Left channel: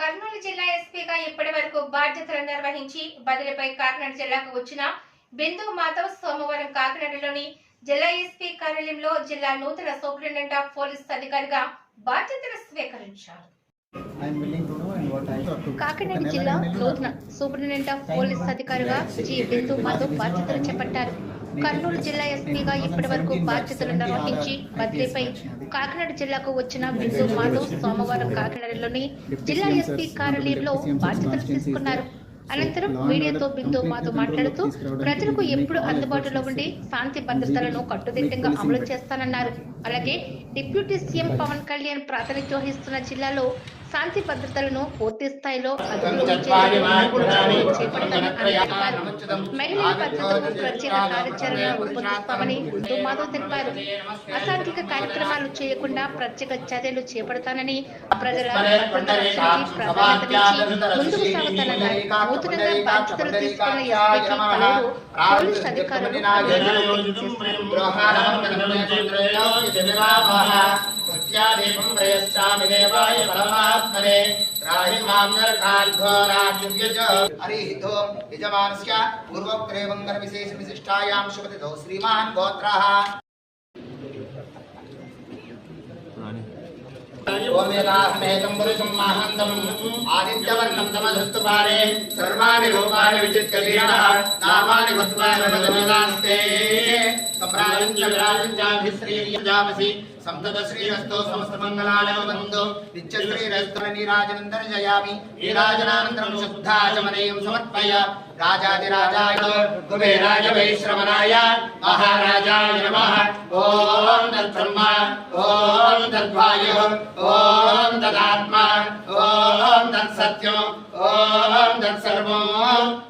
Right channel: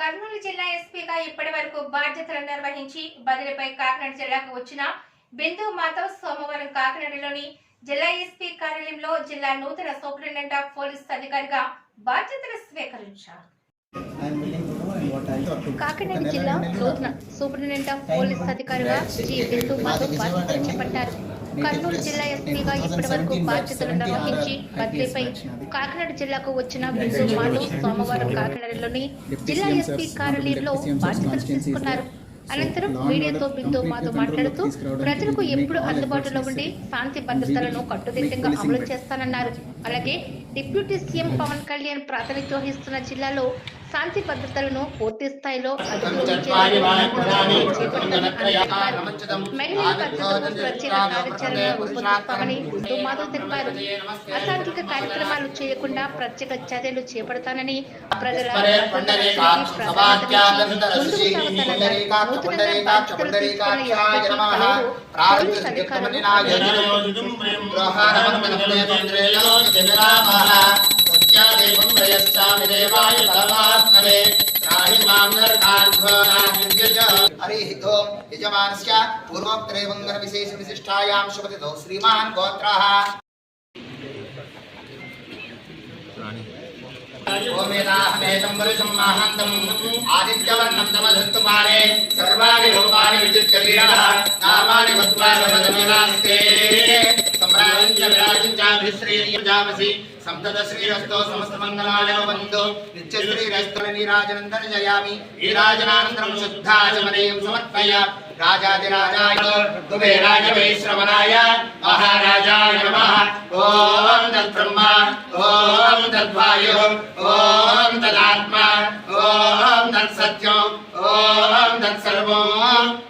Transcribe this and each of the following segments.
కర్నూలు జిల్లా ఎస్పీగా ఇప్పటి వరకు బాధ్యతలు నిర్వహించి బదిలీపై కాకినాడ జిల్లాకు వచ్చిన బిందు మాధవ్ సోమవారం కాకినాడలోని జిల్లా ఎస్పీ కార్యాలయంలో జిల్లా నూతన సూపరింటెండెంట్ ఆఫ్ పోలీస్ అధికారిగా బాధ్యతలు స్వీకరించారు. కాకినాడ జిల్లా నూతన సూపరింటెండెంట్ ఆఫ్ పోలీస్ అధికారిగా జి బిందు మాధవ్ బాధ్యతలు చేపట్టారు. కర్నూలు జిల్లా ఎస్పీగా ఇప్పటి వరకు బాధ్యతలు నిర్వహించి బదిలీపై కాకినాడ జిల్లాకు వచ్చిన బిందు మాధవ్ సోమవారం కాకినాడలోని జిల్లా ఎస్పీ కార్యాలయంలో బాధ్యతలు తీసుకున్నారు. అనంతరం మీడియాతో బిందు మాధవ్ మాట్లాడుతూ ప్రజలకు ఎప్పుడు అందుబాటులో ఉండి శాంతి భద్రతలను కట్టుదిట్టంగా అమలు చేస్తానన్నారు. అలాగే డిప్యూటీ సీఎం పవన్ కళ్యాణ్ ప్రాతినిధ్యం వహిస్తున్న జిల్లాలో శాంతి భద్రతలను పూర్తి స్థాయిలో అదుపులో తెలిపారు మహిళల భద్రతకు ప్రత్యేక కార్యాచరణ రూపొందిస్తామని మాధవ్ తెలిపారు అసాంఘిక కార్యక్రమాలు చేయకుండా ప్రత్యేక చర్యలు చేపడతానని ప్రజల ముందుకు సాగుతానన్నారు నూతనంగా బాధ్యతలు తీసుకున్న ఎస్పీకి పలువురు పోలీస్ అధికారులు इत्यादिकम् प्रयच्छामि देवाय परमात्मने त्राहि माम् नरकार्घो राजयुज हरिहितो यजमानस्य पूर्वोक्तरेवङ्गनविशेषविशिष्टायां शुभतिथौ श्रीमान् गोत्राः आदित्यवर्णं तमधत्तुपाले सर्वाणि रूपाणि विचित्रवीरणः नामानि भक्त्वा రాజాపసి సంతత శ్రీరస్తో సమస్త మంగళాయ వందో నిత్య శ్రీరస్తో నీరాజనందన జయామి నీరాజనానందరం శుద్ధాచమనేయం సమర్పయ. రాజాదిరాజాయ కుబేరాయ వైశ్రవణాయ మహారాజాయ ఓం తద్బ్రహ్మ ఓం తద్వాయు. ఓం తదాత్మ. ఓం తత్సత్యం. ఓం తత్సర్వం.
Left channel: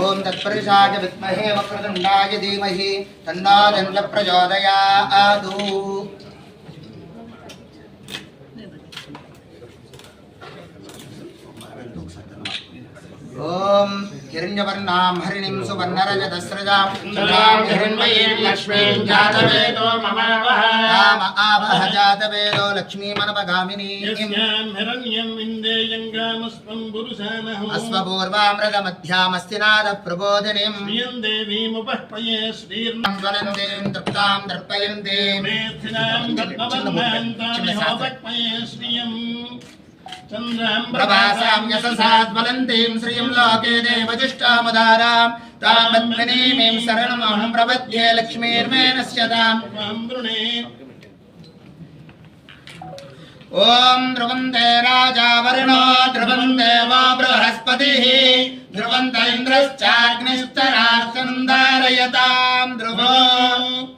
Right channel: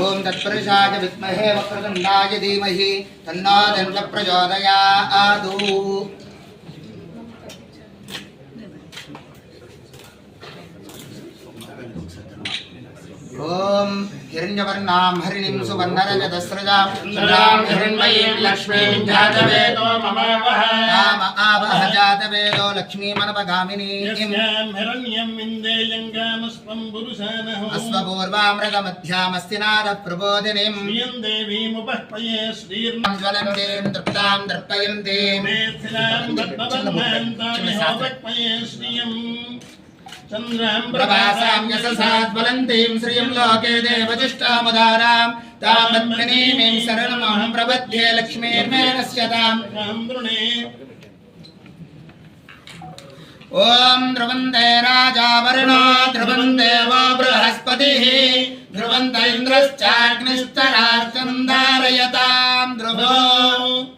ओम तत्पुरुषाय विद्महे वक्रतुण्डाय धीमहि तन्नो दण्ड प्रचोदयादु ओम హిరణ్యవర్ణాం హరిణిం సువర్ణరజతస్రజాం చంద్రాం హిరణ్మయీం లక్ష్మీం జాతవేదో మమావహ రామ ఆవహ జాతవేదో లక్ష్మీమనపగామినీం యస్యాం హిరణ్యం విందేయంగామస్వం పురుషానహో అశ్వపూర్వామృతమధ్యామస్తినాద ప్రబోధినిం శ్రియం దేవీముపహ్పయే శ్రీర్ణ జ్వలంతీం తృప్తాం దర్పయంతీం మేథిలాం పద్మవర్ణాంతాని హోపక్పయే శ్రియం చంద్రాం ప్రభాసాం యశసాద్వలంతీం శ్రియం లోకే దేవజిష్టాముదారాం తామద్మినీమీం శరణమహం ప్రపద్యే లక్ష్మీర్మేణస్యతాం వృణే ఓం ధ్రువందే రాజా వరుణో ధ్రువం దేవో బృహస్పతిः. ధ్రువంత ఇంద్రశ్చాగ్నిస్తరాచందారయతాం. ధ్రువో ధ్రువందే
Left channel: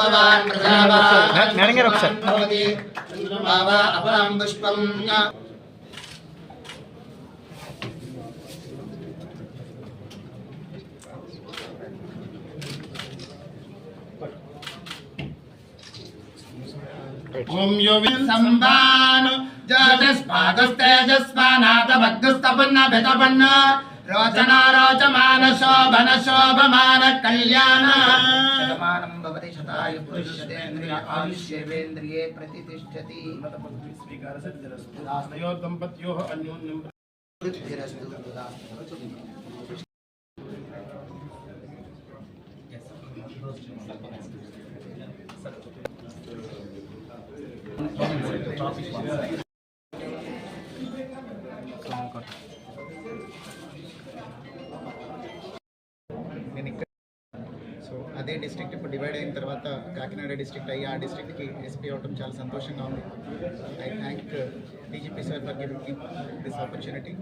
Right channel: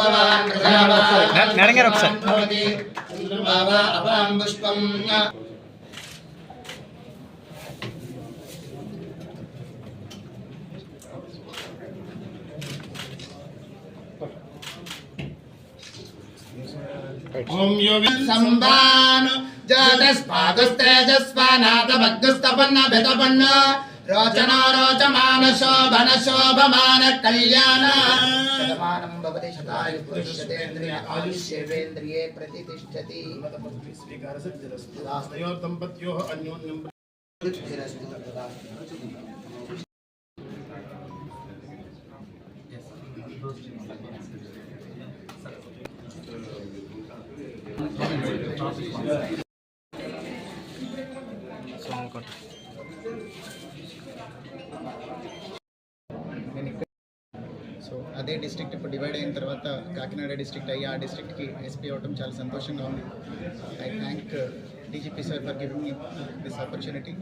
సార్ పుష్పవాన్ ప్రజావాన్ మేడం గారు ఒకసారి. ఓం యో సంవాన్ జాతస్పాదస్తేజస్వానాథ భగ్గుస్తపన్న బితపన్న रोचना रोचमान शोभन शोभमान कल्याण। शतमानं भवति शतायु पुरुष्यतेन्द्रिय आयुष्येवेन्द्रिये प्रतिष्ठति तयोर् दम्पत्योः अन्योन्यं वृद्धिरस्तु అదే డిస్ట్రిక్ట్ ఇప్పుడు డివైడ్ అయిన తర్వాత కాకినాడ డిస్ట్రిక్ట్ అయ్యి ఆ డిస్ట్రిక్ట్కి ఎస్పీ అవ్వడం చాలా సంతోషంగా ఉంది. I thank DGP sir for giving me this opportunity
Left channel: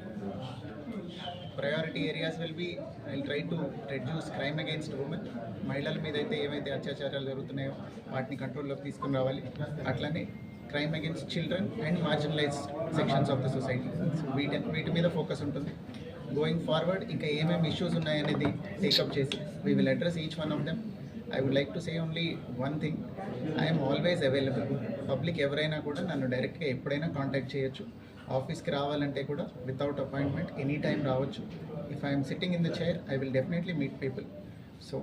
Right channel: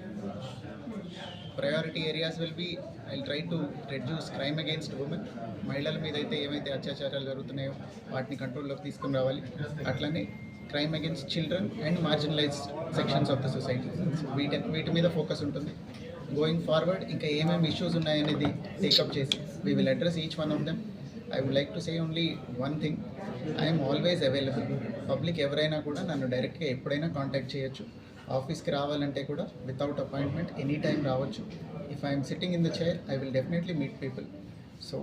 priority areas will be I try to reduce crime against women మహిళల మీద అయితే ఏవైతే అత్యాచారాలు జరుగుతున్నాయో వాటిని కంట్రోల్లోకి తీసుకుని రావాలి. అట్లనే crime against children and marginalised sections of the society వీటి వీటి మీద ఫోకస్ ఉంటుంది. గోయింగ్ ఫార్వర్డ్ ఇంకా ఏమేమి ఇష్యూస్ ఉన్నాయనేది టేకప్ చేసి we will address each one of them I would like to say only one thing I'm always available public ఎవరైనా కూడా నన్ను డైరెక్ట్గా ఎప్పుడైనా కాంటాక్ట్ చేయొచ్చు. ఆఫీస్కి రావాలంటే కూడా వితౌట్ అపాయింట్మెంట్ ఎనీ టైం రావచ్చు. If I'm sitting in the chair I will definitely meet people so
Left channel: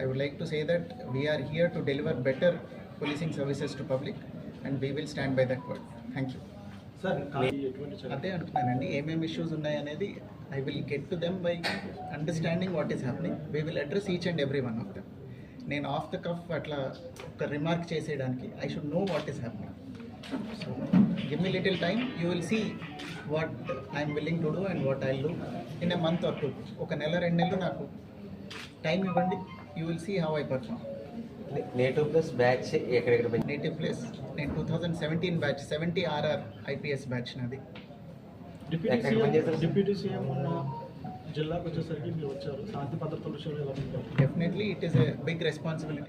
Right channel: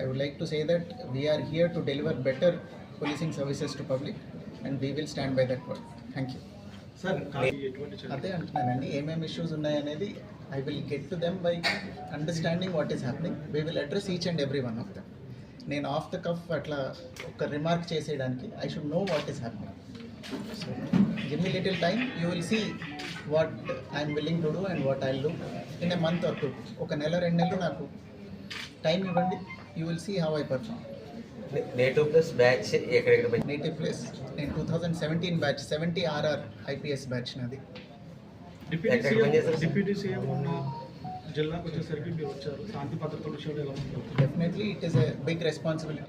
I would like to say that we're here to deliver better policing services to public and we will stand by that word thank you అదే అంటున్నానండి. ఏమేమి issues ఉన్నాయనేది I will get to them by understanding what is happening we will address each and every one of them నేను off the cuff అట్లా ఒక remark చేసేయడానికి I should know what is happening so give me little time you will see what I'm willing to do and what I do in a month or two ఒక నెల రెండు నెలలు నాకు time ఇవ్వండి you will see how I perform native plus batch ఎక్కడెక్కడ native place నేను two thousand seventeen batch seventy RR IPS batch నాది? Deputy CM ఉన్న జిల్లాకు వచ్చేసరికి మీరు వచ్చారు. శాంతి భద్రత విషయంలో ఎలా definitely it is a big responsibility